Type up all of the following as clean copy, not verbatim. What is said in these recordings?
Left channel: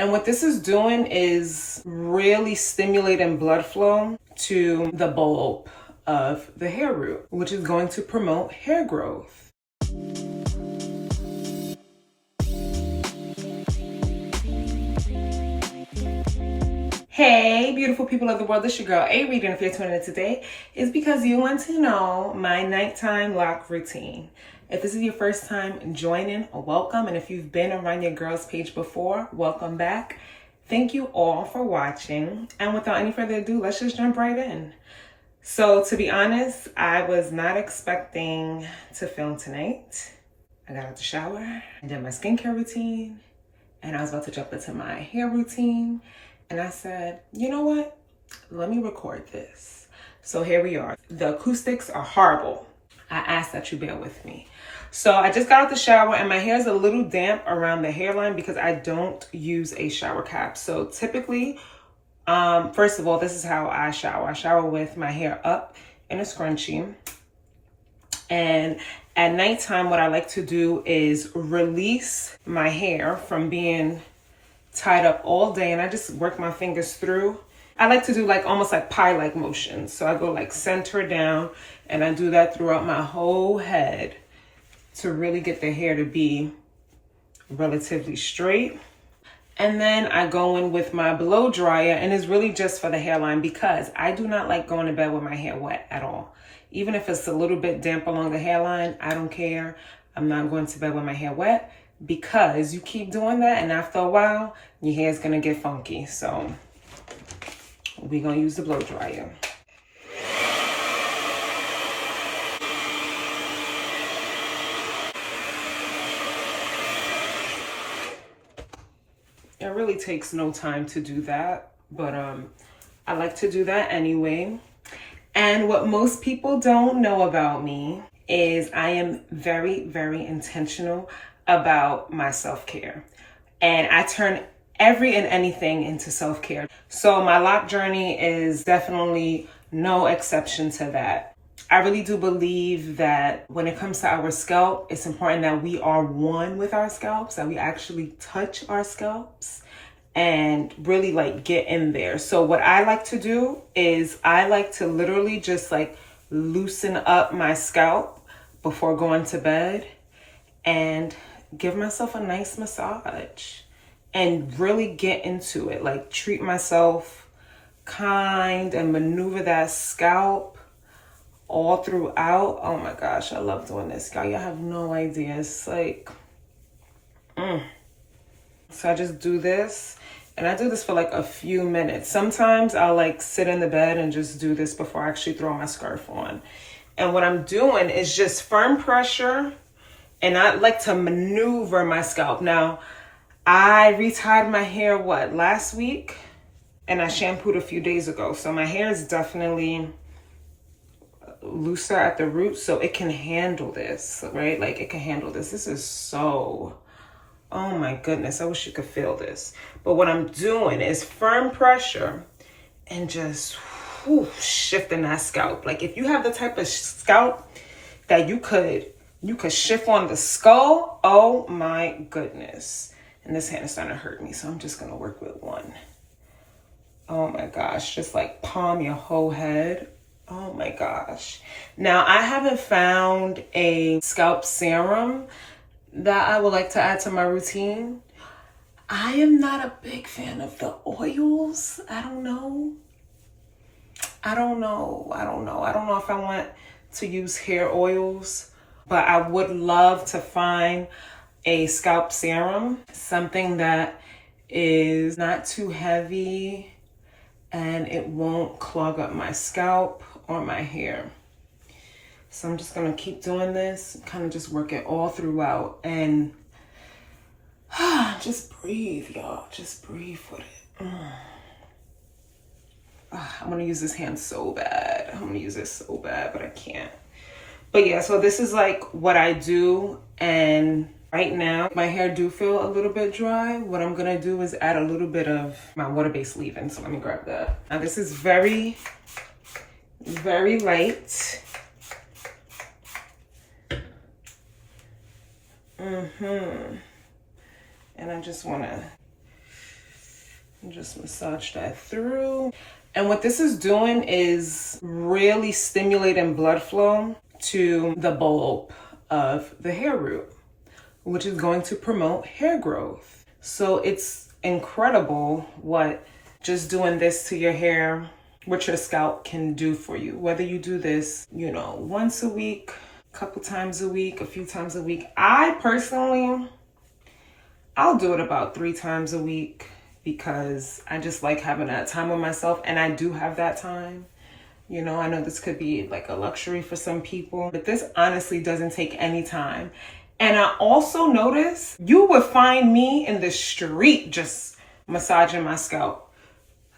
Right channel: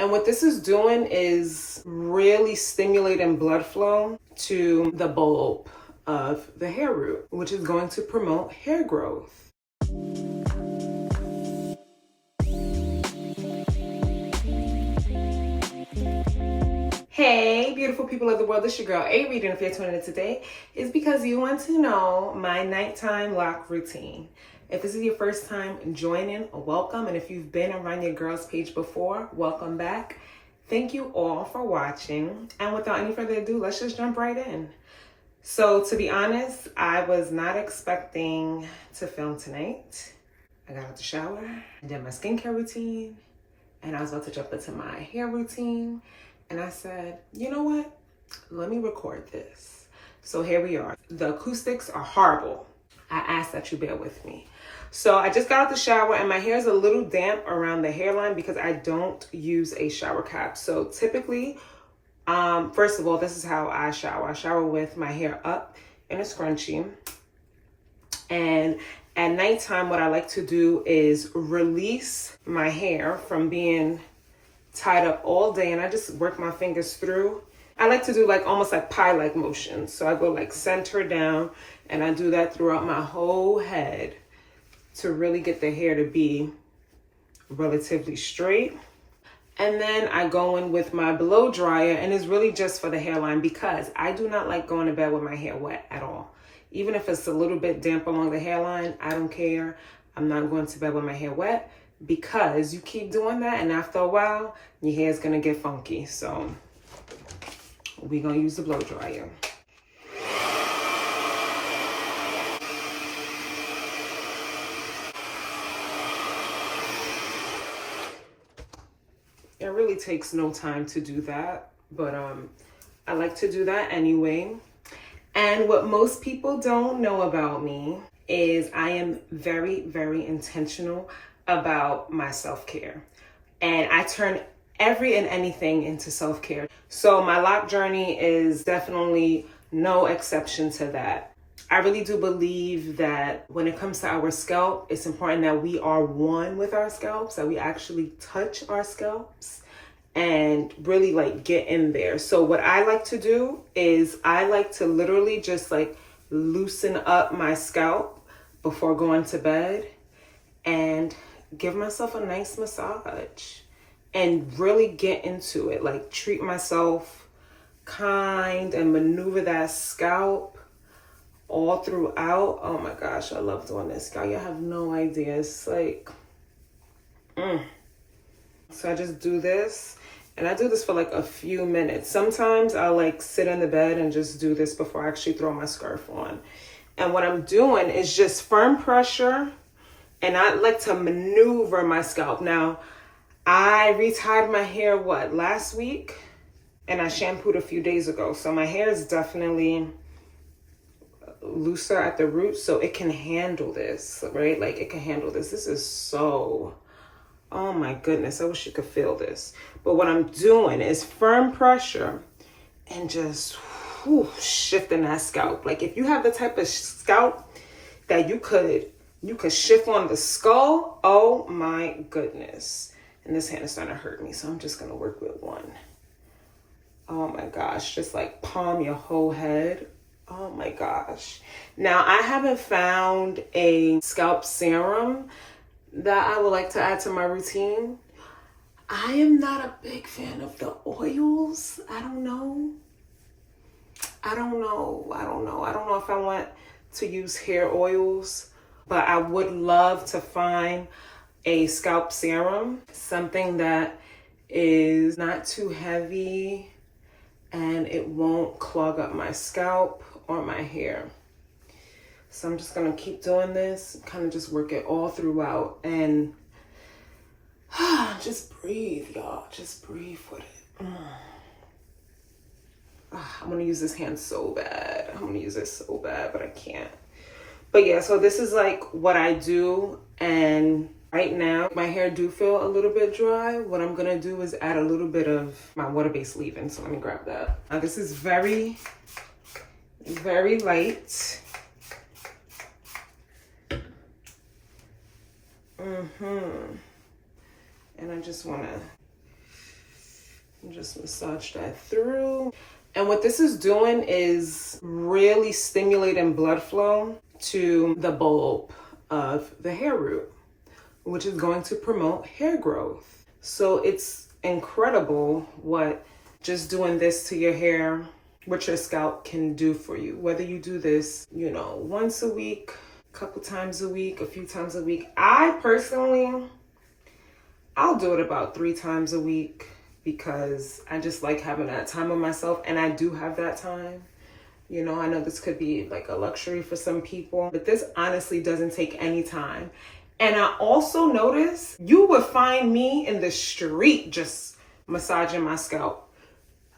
And what this is doing is really stimulating blood flow to the bulb of the hair root, which is going to promote hair growth. Hey, beautiful people of the world, it's your girl AReid, and if you're tuning in today, it's because you want to know my nighttime loc routine. If this is your first time joining, welcome, and if you've been around your girl's page before, welcome back. Thank you all for watching, and without any further ado, let's just jump right in. So to be honest, I was not expecting to film tonight. I got out the shower, I did my skincare routine, and I was about to jump into my hair routine. And I said, you know what? Let me record this. So here we are. The acoustics are horrible. I ask that you bear with me. So I just got out the shower and my hair is a little damp around the hairline because I don't use a shower cap. So typically, first of all, this is how I shower. I shower with my hair up in a scrunchie. And at nighttime, what I like to do is release my hair from being tied up all day, and I just work my fingers through. I like to do like almost like pie-like motions. So I go like center down, and I do that throughout my whole head to really get the hair to be relatively straight. And then I go in with my blow dryer, and it's really just for the hairline because I do not like going to bed with my hair wet at all. Even if it's a little bit damp along the hairline, I don't care. I'm not going to bed with my hair wet, because you keep doing that and after a while your hair is going to get funky. So we're going to use the blow dryer. It really takes no time to do that, but I like to do that anyway. And what most people don't know about me is I am very, very intentional about my self-care, and I turn every and anything into self-care. So my loc journey is definitely no exception to that. I really do believe that when it comes to our scalp, it's important that we are one with our scalps, that we actually touch our scalps and really like get in there. So what I like to do is I like to literally just like loosen up my scalp before going to bed and give myself a nice massage and really get into it. Like treat myself kind and maneuver that scalp all throughout. Oh my gosh, I love doing this, y'all. Y'all have no idea. It's like, So I just do this, and I do this for like a few minutes. Sometimes I'll like sit in the bed and just do this before I actually throw my scarf on. And what I'm doing is just firm pressure, and I like to maneuver my scalp. Now, I retied my hair, last week? And I shampooed a few days ago. So my hair is definitely looser at the root, so it can handle this, right? Like it can handle this. This is so, oh my goodness, I wish you could feel this. But what I'm doing is firm pressure and just shifting that scalp. Like if you have the type of scalp that you could shift on the skull, oh my goodness. And this hand is starting to hurt me, so I'm just gonna work with one. Oh my gosh, just like palm your whole head. Oh my gosh. Now I haven't found a scalp serum that I would like to add to my routine. I am not a big fan of the oils. I don't know if I want to use hair oils. But I would love to find a scalp serum, something that is not too heavy and it won't clog up my scalp or my hair. So I'm just gonna keep doing this, kind of just work it all throughout, and just breathe, y'all. Just breathe with it. I'm gonna use this hand so bad. I'm gonna use this so bad, but I can't. But yeah, so this is like what I do, and right now my hair do feel a little bit dry. What I'm gonna do is add a little bit of my water-based leave-in, so let me grab that. Now this is very, very light. And I just wanna And just massage that through. And what this is doing is really stimulating blood flow to the bulb of the hair root, which is going to promote hair growth. So it's incredible what just doing this to your hair, what your scalp can do for you. Whether you do this, you know, once a week, a couple times a week, a few times a week. I personally, I'll do it about 3 times a week because I just like having that time with myself, and I do have that time. You know, I know this could be like a luxury for some people, but this honestly doesn't take any time. And I also notice you would find me in the street just massaging my scalp.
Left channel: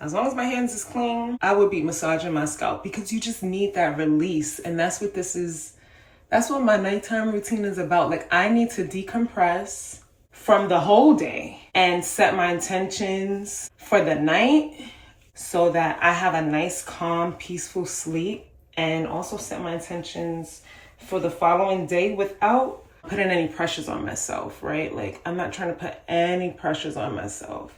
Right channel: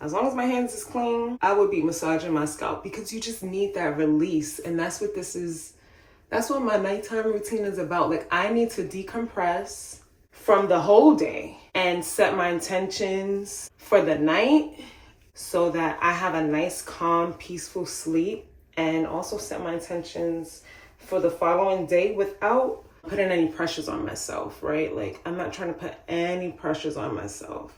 As long as my hands is clean, I would be massaging my scalp because you just need that release. And that's what this is. That's what my nighttime routine is about. Like, I need to decompress from the whole day and set my intentions for the night so that I have a nice, calm, peaceful sleep, and also set my intentions for the following day without putting any pressures on myself, right? Like, I'm not trying to put any pressures on myself.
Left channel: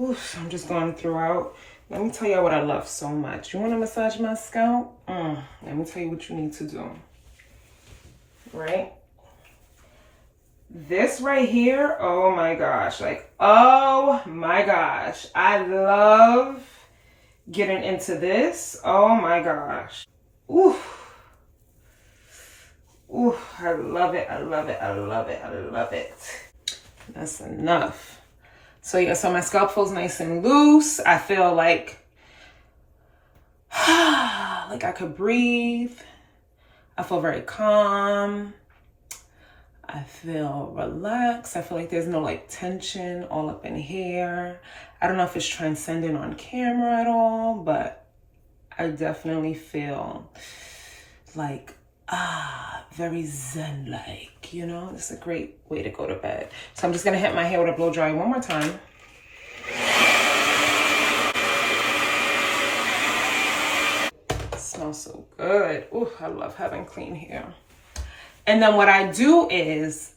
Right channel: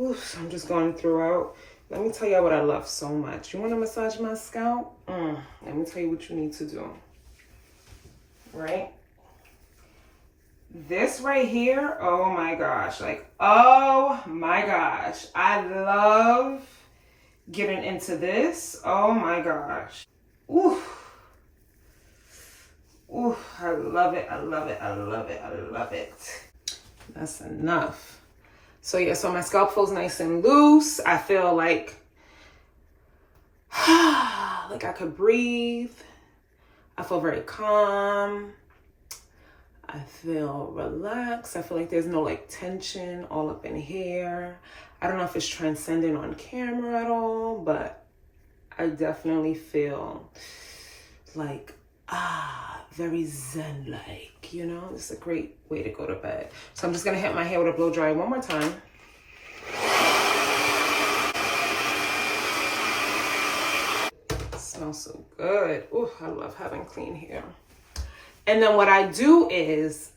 Oof, I'm just going throughout. Let me tell y'all what I love so much. You want to massage my scalp? Let me tell you what you need to do. Right? This right here, oh my gosh. Like, oh my gosh. I love getting into this. Oh my gosh. Oof. Oof, I love it. I love it. I love it. I love it. That's enough. So yeah, so my scalp feels nice and loose. I feel like I could breathe. I feel very calm. I feel relaxed. I feel like there's no like tension all up in here. I don't know if it's transcendent on camera at all, but I definitely feel like, very zen-like, you know? It's a great way to go to bed. So I'm just gonna hit my hair with a blow dry one more time. It smells so good. Ooh, I love having clean hair. And then what I do is,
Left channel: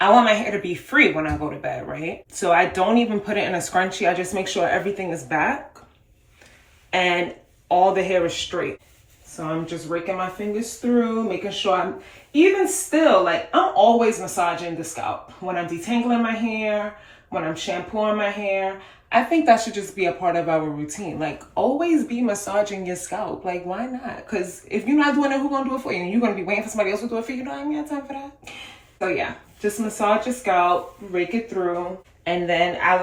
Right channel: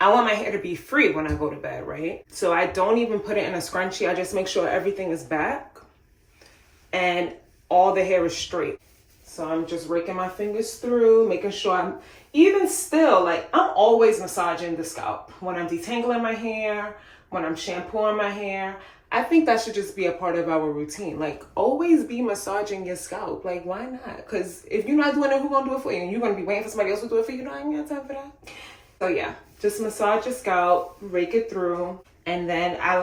I want my hair to be free when I go to bed, right? So I don't even put it in a scrunchie. I just make sure everything is back and all the hair is straight. So I'm just raking my fingers through, making sure I'm, even still, like, I'm always massaging the scalp. When I'm detangling my hair, when I'm shampooing my hair, I think that should just be a part of our routine. Like, always be massaging your scalp. Like, why not? Because if you're not doing it, who's going to do it for you? And you're going to be waiting for somebody else to do it for you. You don't even have time for that. So yeah, just massage your scalp, rake it through. And then I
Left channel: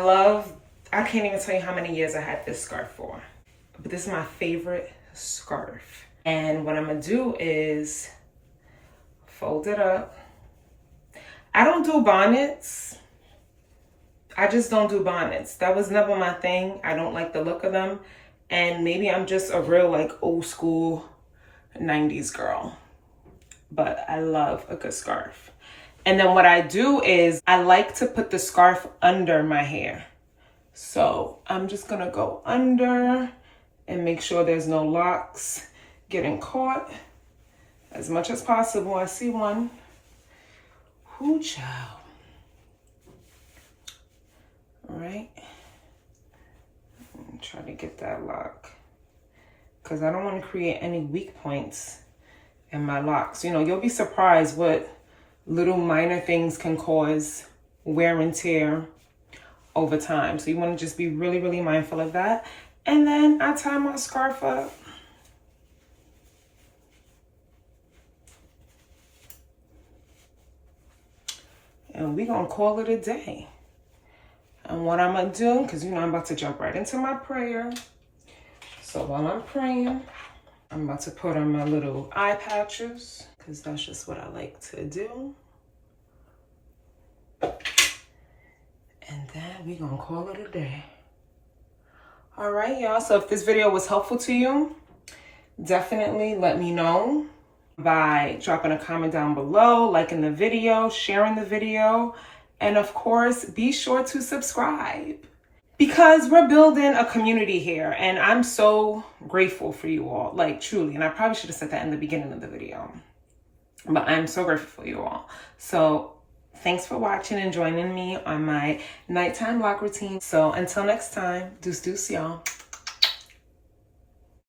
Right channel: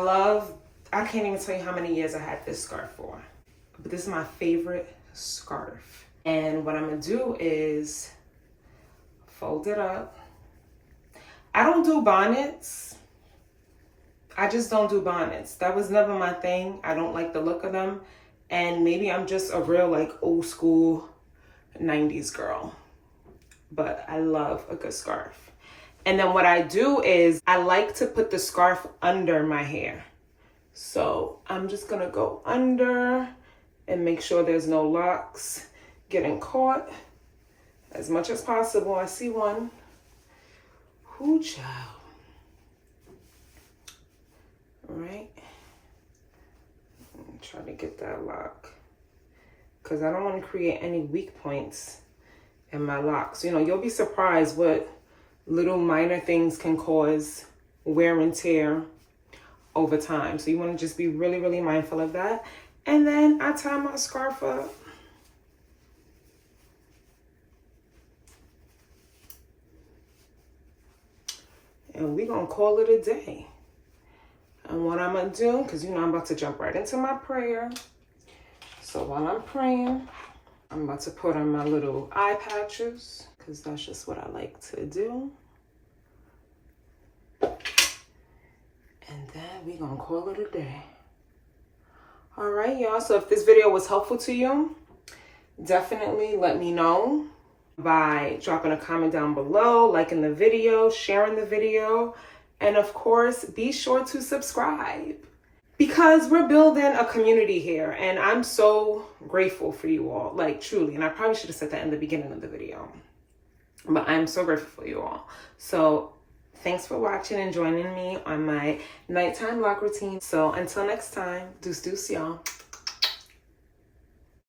can't even tell you how many years I had this scarf for. But this is my favorite scarf. And what I'm gonna do is fold it up. I don't do bonnets. I just don't do bonnets. That was never my thing. I don't like the look of them. And maybe I'm just a real like old school 90s girl. But I love a good scarf. And then what I do is I like to put the scarf under my hair. So I'm just gonna go under and make sure there's no locks getting caught as much as possible. I see one. Hoo child. All right. Try to get that lock because I don't want to create any weak points in my locks. You know, you'll be surprised what little minor things can cause wear and tear over time. So you want to just be really, really mindful of that. And then I tie my scarf up. And we're going to call it a day. And what I'm going to do, because you know I'm about to jump right into my prayer. So while I'm praying, I'm about to put on my little eye patches, because that's just what I like to do. And then we're going to call it a day. All right, y'all. So if this video was helpful to you, definitely let me know by dropping a comment down below, liking the video, sharing the video, and of course, be sure to subscribe because we're building a community here and I'm so grateful for you all, like truly. And I probably should have said that in the beginning of the video, but I'm so grateful for you all. So Thanks for watching and joining me on my nighttime loc routine. So until next time, deuce deuce, y'all.